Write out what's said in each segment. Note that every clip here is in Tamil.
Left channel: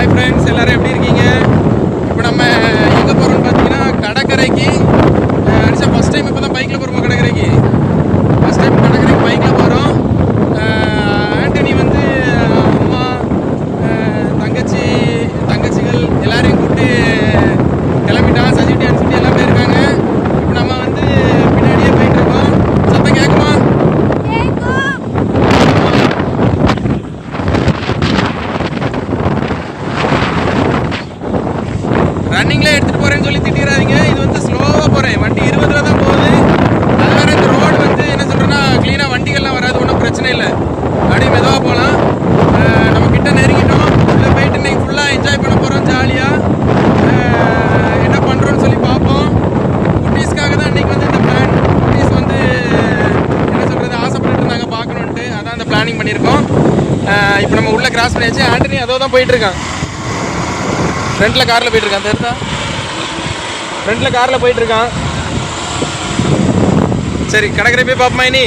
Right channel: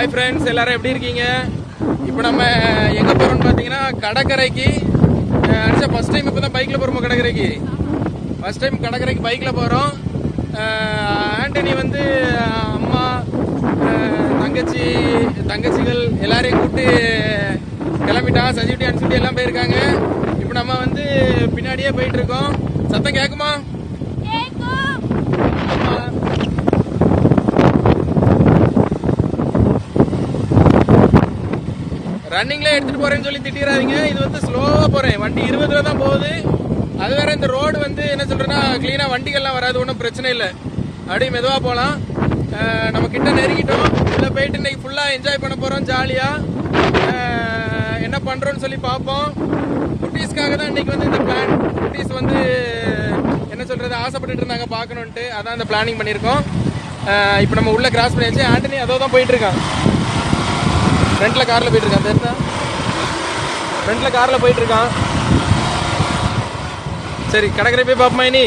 ஹாய் ஃப்ரெண்ட்ஸ் எல்லோரும் எப்படி இருக்கீங்க? இப்போ நம்ம எங்கே போகிறோம்னு பார்த்தீங்கன்னா கடற்கரைக்கு. அடிச்சா ஃபஸ்ட் டைம் இப்போ தான் பைக்கில் போகிறோம் கடற்கரைக்கு? ஃபஸ்ட் டைம் கடற்கரைக்கு பைக்கில் போகிறோம் ஆண்டனி வந்து அம்மா தங்கச்சி தங்கச்சிகள் எல்லாரையும் கூப்பிட்டு கிளம்பிட்டான் சஜிட்டி அனுப்பிட்டு எல்லாம் போயிருக்காங்க. இப்போ நம்ம வந்து பின்னாடியே போயிட்டுருக்கோம் இருக்கோம் சத்தம் கேட்குமா ரன்னிங்ல எடுத்துட்டு போகிறேன்னு சொல்லி திட்டிடாதீங்க இது வந்து ஸ்லோவாக போகிறேன் வண்டி இருபதுல தான் போகுது. அது வேற இந்த ரோடு வந்து என்ன சொல்கிறேன்னா க்ளீனாக வண்டிகள்லாம் வராது ஒன்றும் பிரச்சனை இல்லை. அப்படியே மெதுவாக போகலாம் நம்ம கிட்ட நெருங்கிட்டோம். உள்ளே போயிட்டு இன்னைக்கு ஃபுல்லாக என்ஜாய் பண்ண போகிறோம் ஜாலியாக என்ன பண்ணுறோன்னு சொல்லி பார்ப்போம். குட்டீஸ்க்காக தான் இன்றைக்கி வந்து இந்த பிளான் குட்டீஸ் வந்து என்ன சொல்கிறது ஆசைப்பட்டு இருந்தாங்க பார்க்கணுன்ட்டு அதான் இந்த பிளானிங் பண்ணியிருக்கோம். இப்போ நம்ம உள்ளே கிராஸ் பண்ணியாச்சு. ஆண்டனி அதோ தான் போயிட்டு இருக்கான் காரில் போயிட்டுருக்கான் போயிட்டு ஃப்ரெண்ட்டில் தெரியுதா போயிட்டுருக்கான். சரி கடற்கரை போய் பார்ப்போமா இனி?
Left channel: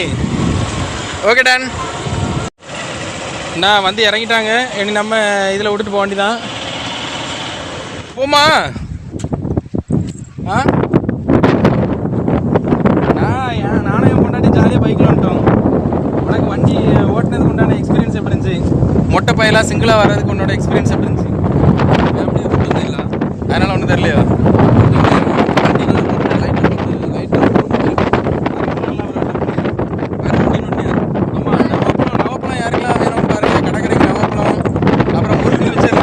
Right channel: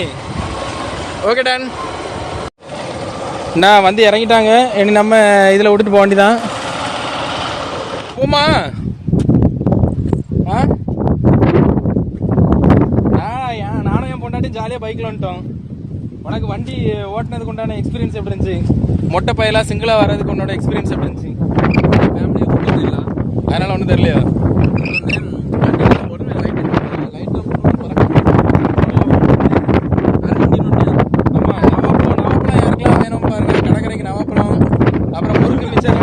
ஓகே டன் நான் வந்து இறங்கிட்டாங்க. இனி நம்ம இதில் விட்டுட்டு போக வேண்டிதான் போமா ஆ? நானும் என் கொண்டாடி ஜாலியாக பைக்கில் வந்துட்டோம். உனக்கு வண்டி ஓட்டினதுக்கு உண்டான எக்ஸ்பீரியன்ஸ் எப்படி இருந்துச்சு? மொட்டை பையலாக சிங்கிளாக வர்றதுக்கு உன்னோட எக்ஸ்பீரியன்ஸ் எப்படி இருந்துச்சு அதனால ஒன்றும் தெரியலையா ஆமா, நவாப்பழம், நவாப்பழம் யாருக்கெல்லாம் வேணும் பாருங்க. கடற்கரைக்கு நவாப்பழம், அப்புறம் முறுக்கு மிச்சர் முறுக்கு மிச்சரு.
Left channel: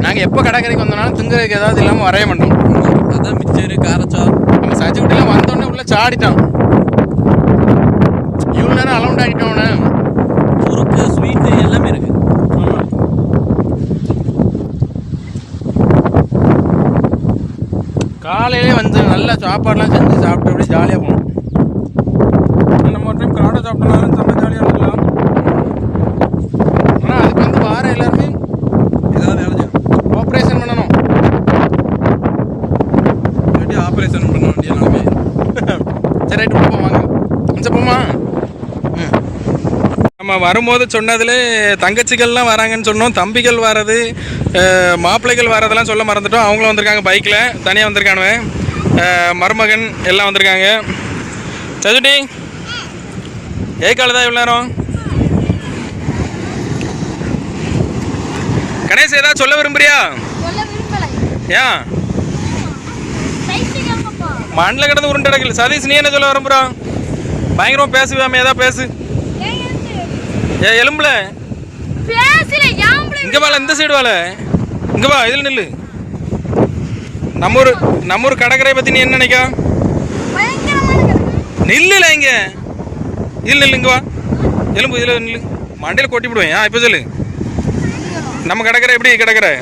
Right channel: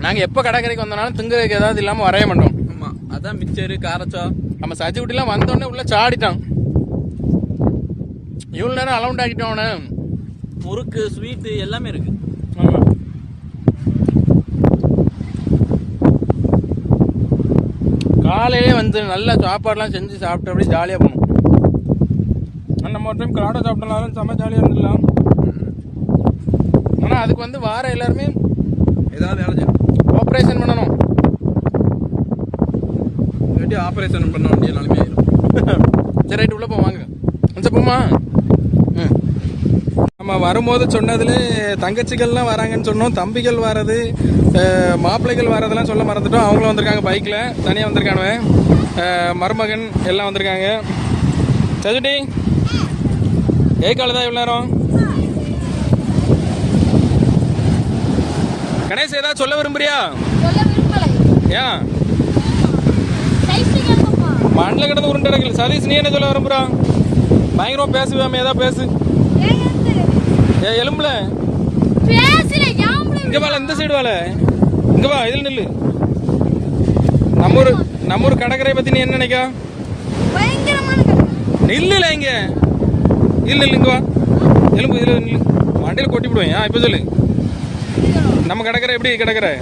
நாங்க எப்போ கடற்கரைக்கு வந்தோம்னாலும் திங்குறதுக்கு ஏதாவது இல்லாம வரைய மாட்டோம். அதான் மிச்சரு காரச்சா. நம்ம சஜி குட்டிலாம் வந்தோடனே உள்ள சாடிட்டான். இவ்வளோ நேரம் அலௌண்ட் ஆகிட்டோம் அவனை. முறுக்கு ஸ்வீட்டு எல்லாமே இருக்கு. காலையிலே வந்து நல்லா சாப்பாடுலாம் செஞ்சு சாப்பிட்டு அப்படியே ஜாலியாக போகணும் நம்ம ஒரு டைம் காடை சாப்பிட்டனாலும் செம்ம ஜாலியாக இருந்துக்கலாம் ஆனால் அதுக்கு வந்து வார எல்லாருமே ஏதாவது வேலை ஆப்ரேஷன் பண்ணணும். ஆப்ரேஷன் பண்ண வேண்டிய நிலைமை. சரி ரைட்டு போவாங்க. கொஞ்சம் போமா நம்ம வரும்போது சொன்னதுல தங்கச்சிகள்லாம் வராங்கன்னு சொன்னோம் தம்பிகள் வர்றது அஹ், மாப்பிள்ளைகள் வர்றதெல்லாம் சொல்ல மறந்துட்டோம். அவங்களும் வந்திருக்காங்க பைக்கில் தனியாக வந்திருக்கானுவ. அஹ், மருமகன் எல்லாம் வந்திருக்காங்க. சதுட்டி ஏ காலதா இவ்வளோ நேரம்? கணேஷ் ஏதாவது சொல்ல விரும்புறியா? ஏன் மண்ணில் கிடந்து உருண்டு சதீஷ் நீ என்ன சொல்ல விரும்புறா? பயங்கரமா பேசுவாமே ஏதாவது பேசு. ஏ எலும்புல. இங்க வாழ இந்த சைடு வாழ இங்க வா இதில் நில்லு. நம்ம ஊர் நம்ம ஊர் கடற்கரை பத்தி நீ என்ன நினைக்கா? நில்லுல இங்க. இதில் நில்லு இங்க வா. எலும்பு இதில் நில்லு. மண்டையில் கொட்டி விடுவேன். ஆ இப்போ சொல்லு. நம்ம கடற்கரை எப்படி கடற்கரை?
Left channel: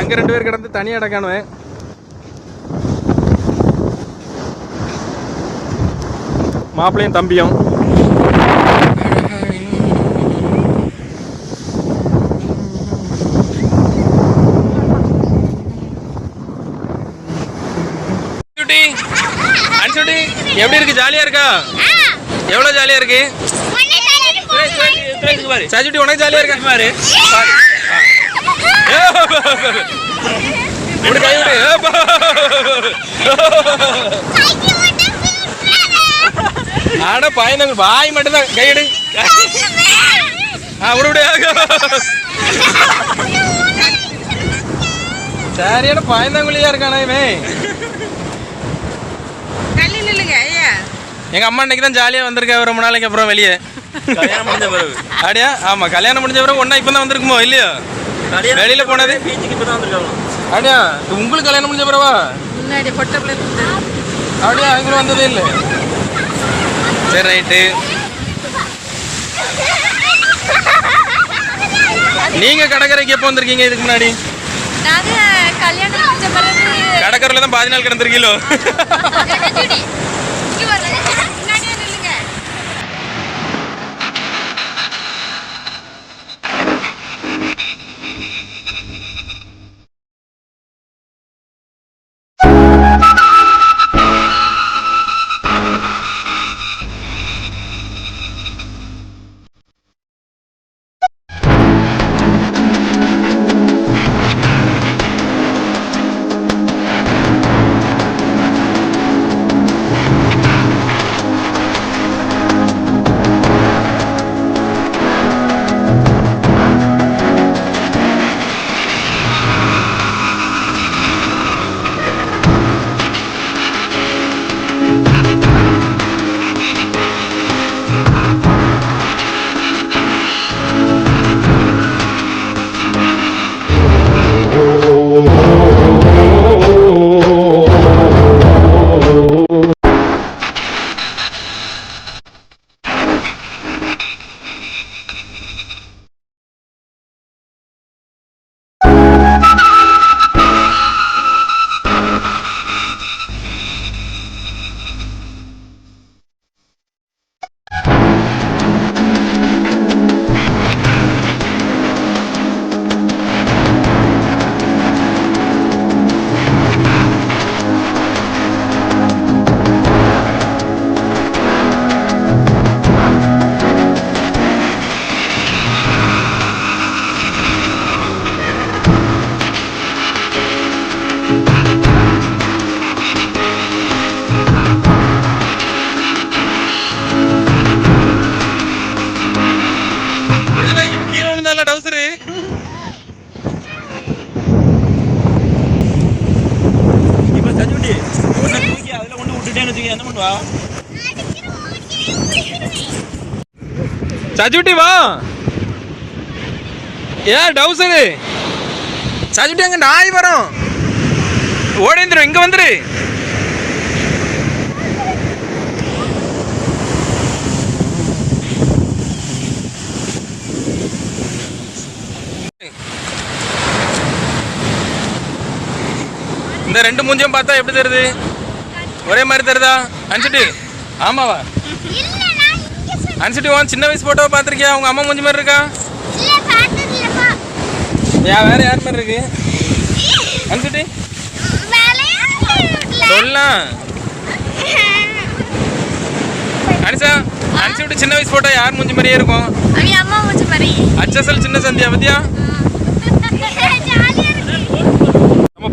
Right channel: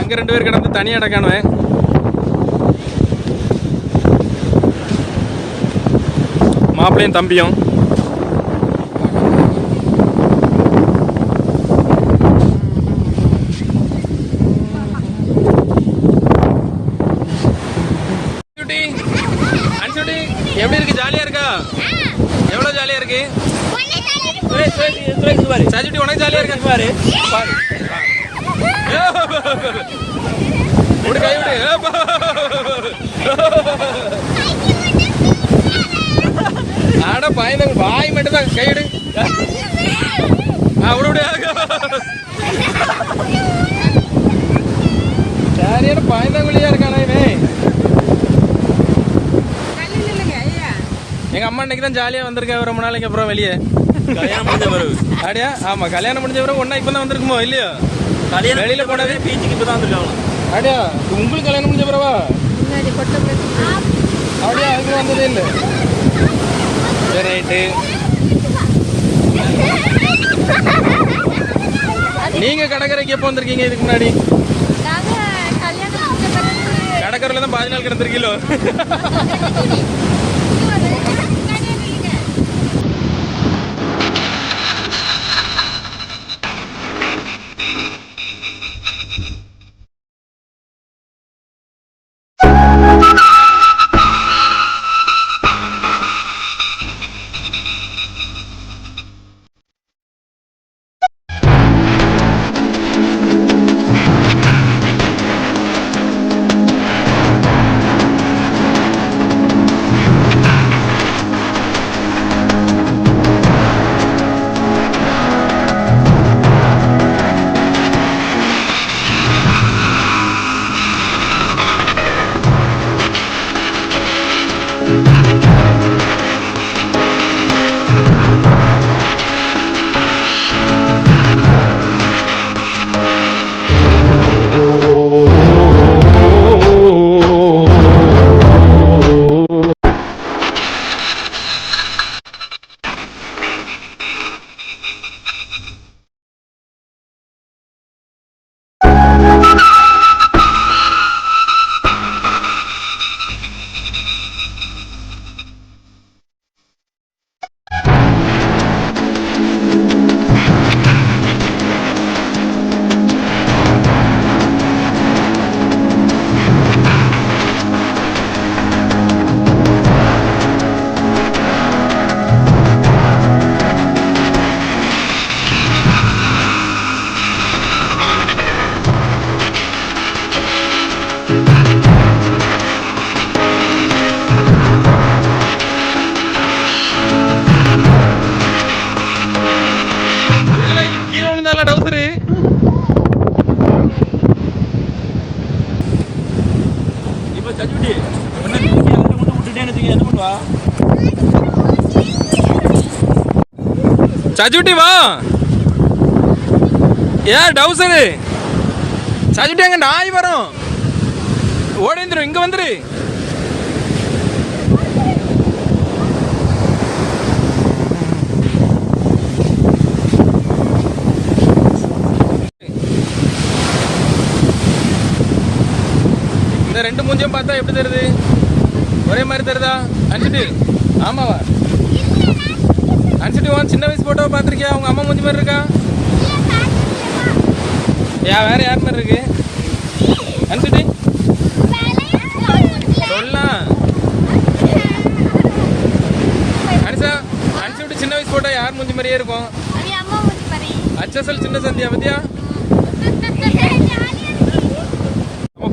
அங்க ரெண்டு பேர் கிடந்து தனியாக அடக்கானுவேன். மாப்பிள்ளையும் தம்பியும். எப்படி இருக்கு? ஜாலியா இருக்கா? எவ்வளவு ஜாலியா இருக்கு? சஜிட்டி உனக்கு ஜாலியா இருக்கா? பாரு. பாரு. ஆனா பயந்தவங்க வாய் மட்டும் தான் கையிடு விடு சரியான பயந்தவங்களையா இருக்கானே இவன்? எங்க அம்மா இன்னைக்கு தான் ஜாலியா வந்திருக்கா. ரொம்ப நாளைக்கு அப்புறம் வெளியே. அப்படியா? ஆமா கல்யாணம் முடிஞ்ச பிறகு ஒன்னா இப்போ தான் வந்திருக்குமோ இல்லையா? வெளியில போனது? அப்படியா? உங்களுக்கு கல்யாணம் முடிஞ்ச பிறவா? அப்படியா? அதுக்குள்ள வந்ததே இல்லை. சரி ரைட்டு. நீங்க கடற்கரைக்கு எப்போ வந்திருக்கீங்க இதுக்கு முன்னாடி? கடற்கரையில தான் பாதி நாள் கிடந்திருக்கீங்களோ? இப்ப சஜுட்டி ஒண்ணு தூக்கி அதுல கொண்டு விட்டுட்டேன்னு வச்சுக்க என்ன பண்ணுவா? சஜுட்டி வா. ஏன் டவுசரு சஜுட்டி அங்க நாய் வரும். ஓடிந்துரும் இங்க வந்துரு. ரெண்டு மூஞ்சியும் பார்த்தா எப்படி தெரியுது? ஒரே மாதிரி தெரியுதா? அனுப்பிட்டு ஆமாவா? அனுப்பிட்டு உன் சின்ன வயசு போட்டோவை பார்த்துருக்கியா? உங்க அம்மா மூஞ்சி மாதிரி இருக்கா? யா வேற யார் மாதிரி இருக்கு? அனுப்பிட்டு சொல்லலாம் அனிசா அனுப்பிட்டு சின்ன வயசு போட்டோ யார் மூஞ்சி மாதிரியே இருக்கும்? அம்மா மூஞ்சி மாதிரி. அச்சசல் சின்ன சந்தியா பத்தியா?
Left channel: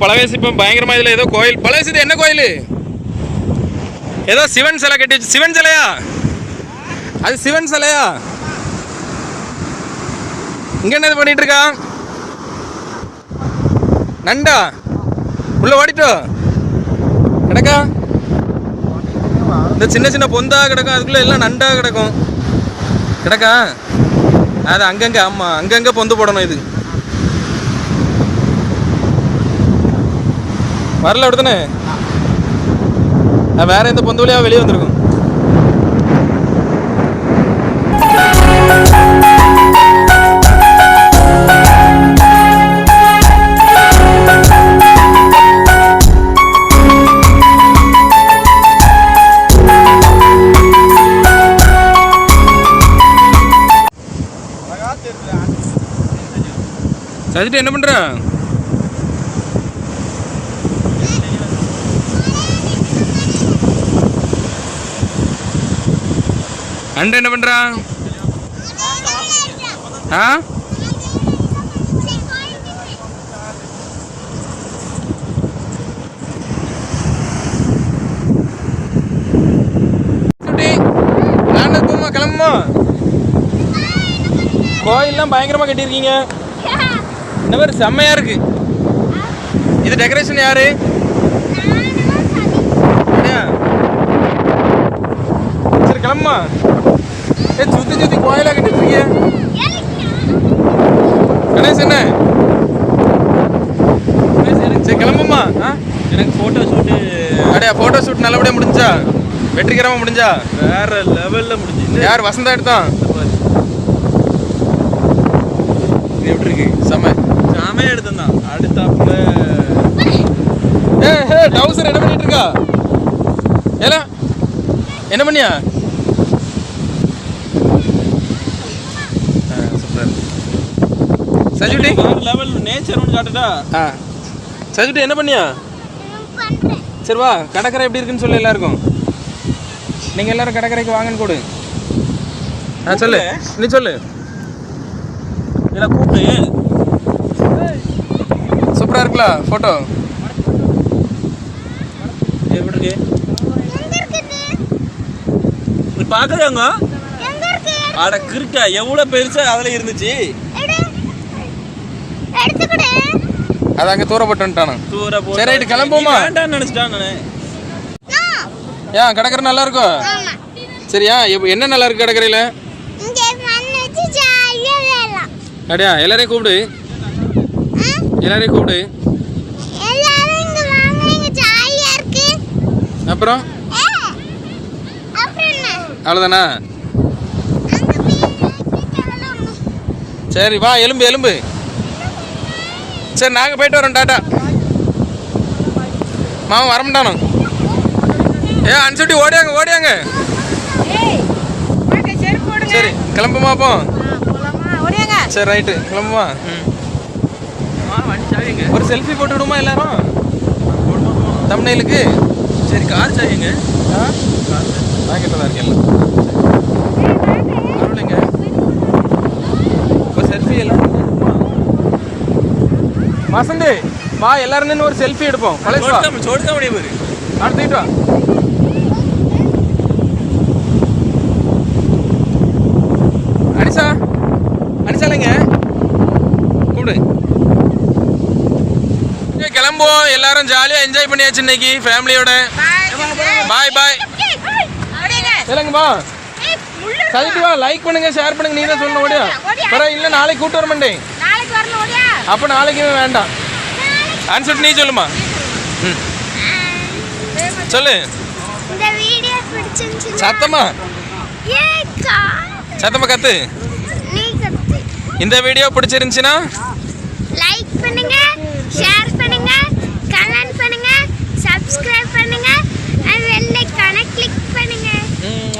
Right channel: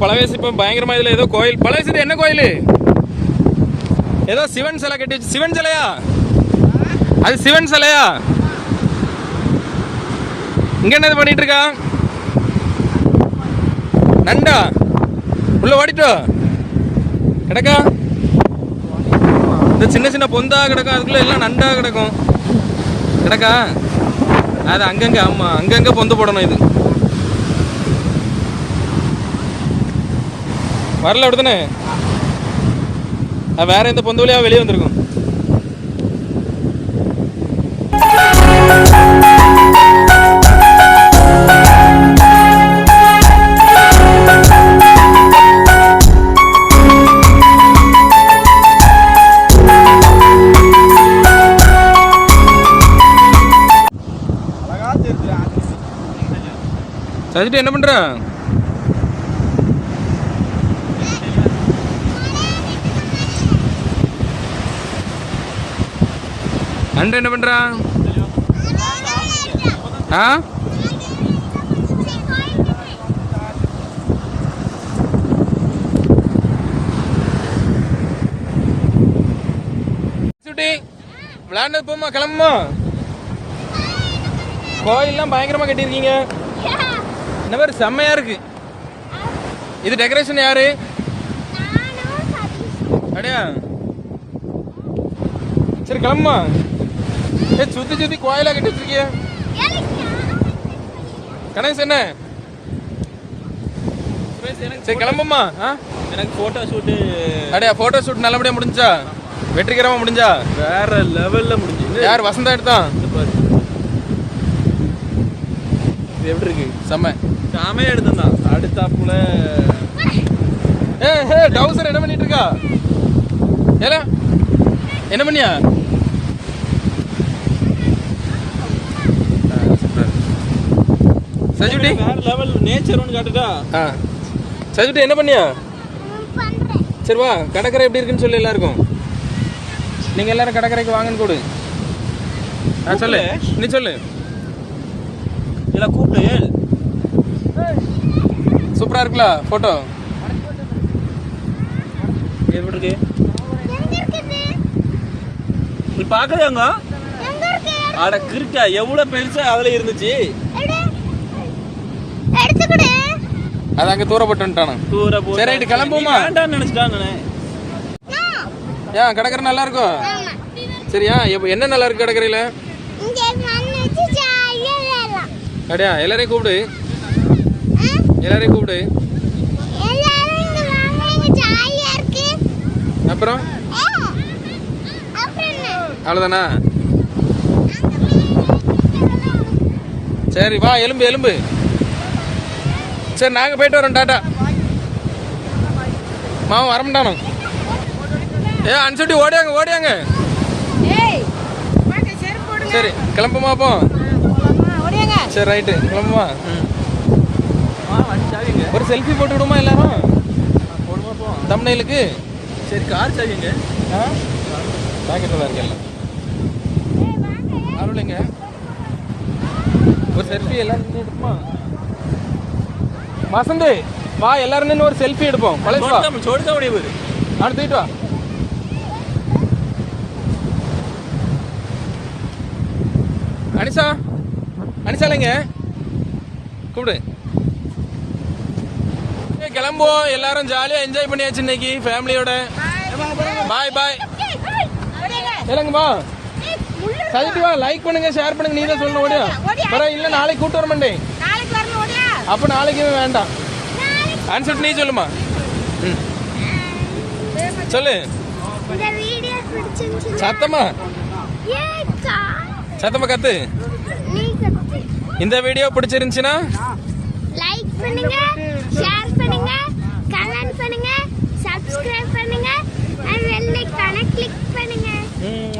பழவேசி இப்போ பயங்கரமா இதில் ஏதோ கோயில். பழவேசி இது என்ன கோயில்? ஏதோ சிவன் சிலை கட்டி வச்சு சிவன் சிலையா? அது சிவன் சிலையா? இங்கே என்ன இது பண்ணிட்டு இருக்கா? நண்டா? உள்ள ஓடிட்டோ? கிடக்கா? இந்த சின்ன சின்ன பொந்தா கிடக்கும். அதுக்குள்ள எல்லாம் நண்டா கிடக்கும். கிடக்கா? அது அங்கங்க ஆமா அங்கங்க பொந்து போடணும் இது. வரல அப்படிதானே அது வேற எந்த பொந்து வழியாக வெளியே வந்திருக்கும் சஜிட்டு என்ன பண்ணுறேன் அண்ட என்ன பண்றா? ஆ? சுட்டி, போமா கிளம்புமா? கோயில்லாம் பயங்கரமாக கட்டியிருக்கீங்க. இந்த மாதிரி செம்மையாக இருக்கு. இது டெக்கரேஷன் யாரு? சரி கிளம்புமா? சுத்தி சுத்தி கோயிலா கட்டிட்டு இருக்கீங்க கணேஷ் என்ன? சரி கிளம்புமா? எனக்கு போட்டோ ஷூட்டு அப்படியா போட்டோ ஷூட் நல்லபடியா முடிஞ்சா? வெற்றிகரமா முடிஞ்சா? வேற லெவல்ல முடிஞ்சு. யார் வசந்தா எடுத்தான் இது எப்படி இருக்கு? செம்ம. சாமையா எடுத்தான் அடுத்தாப்புல ஏ ஏ டவுசர் என்ன பண்ணிட்டு இருக்கா? ஏல என்ன பண்ணியா? சஜுட்டி. லெவல் நேச்சர் ஒன்று காட்டுட்டா ஆ. சஜுட்டி என்ன பண்ணியா? சரி வா கடற்கரை எப்படி இருக்குன்னு சொல்லு எல்லாருக்கும். நீங்க எல்லாரும் கடற்கரைக்கு வாங்கன்னு கொடு. ஆ சொல்லு. நீ சொல்லு. இதெல்லாம் கூப்பிட்டு சூப்பரா இருக்குல்ல போட்டோ எப்படி இருக்கு? நீ பாக்குறாங்க அட கிறுக்கா எவ்வளவு பெருசா அதுல இருந்துச்சு? அது அங்க தூரப்பட்டு வந்துட்டானா தூர சரி, நினைச்சிட்டாங்க ஏன் கடற்கரை நல்லா இருக்கும் சரியா இப்போ என்ன நல்லா இருக்கு கடற்கரையில? அப்படியா எல்லாரையும் கூப்பிடு. எல்லாரையும் கூப்பிடு. அப்புறம்? அவ்வளோதானா சரி வா எலும்பு எலும்பு. சரி நாங்கள் போயிட்டு வரோம் டாட்டா மாமா வரமாட்டானோ ஏ அனுப்பிச்சுட்டி ஓடியாங்க ஓடியாங்க. சரி கிளம்புமா அப்போ சரி ரைட்டு கிளம்புமா. ஒரு செல்ஃபி போட்டு விடுமா எல்லாரும்? தமிழ்நெலுக்கு சரி கார் சாவிங்க. ஆ? பாக்கெட்டில் தான் இருக்கு எல்லாம். அருளுங்க. ஒரு செல்ஃபி எல்லாரும் வசந்தி வா எல்லாரும் நின்று ஒரு செல்ஃபி எடுப்போம் பழைய வா छोड़ता बड़ी बुरी அடுத்துட்டு வா அனிஷா அனிஷா இல்லைங்க கூப்பிடு ஏய், கிளம்புவோம் எல்லாரும் ஜாலியா என்ஜாய் பண்ணியாச்சு இன்னைக்கு ஃபேமிலியோட பாய் பாய் ஓடியாங்க இல்லைங்கம்மா கழிட்டு வா லைக் பண்ணுங்க ஷேர் பண்ணுங்க நீ தான் சொல்லணும் ஓடியா வர இல்ல நாளைக்கு கூட்டு வர மாட்டேன் நாளைக்கு வரணும் ஓடியா அப்ப நாளைக்கு வேண்டாம். ஆன்சர் நீ சொல்லுமா. ம். சொல்லு. இந்த வீடியோ பிடிச்சிருந்துச்சுன்னா சத்தமா? ஏக்கா சத்தமா கத்து. நீ கத்து. இந்த வீடியோ பிடிச்சிருந்துச்சுன்னா? லைக் பண்ணுங்க ஷேர் பண்ணுங்க கமெண்ட் பண்ணுங்க சப்ஸ்கிரைப் பண்ணுங்க அண்ட் வெள்ளை கிளிக் பண்ணுங்க. ம்,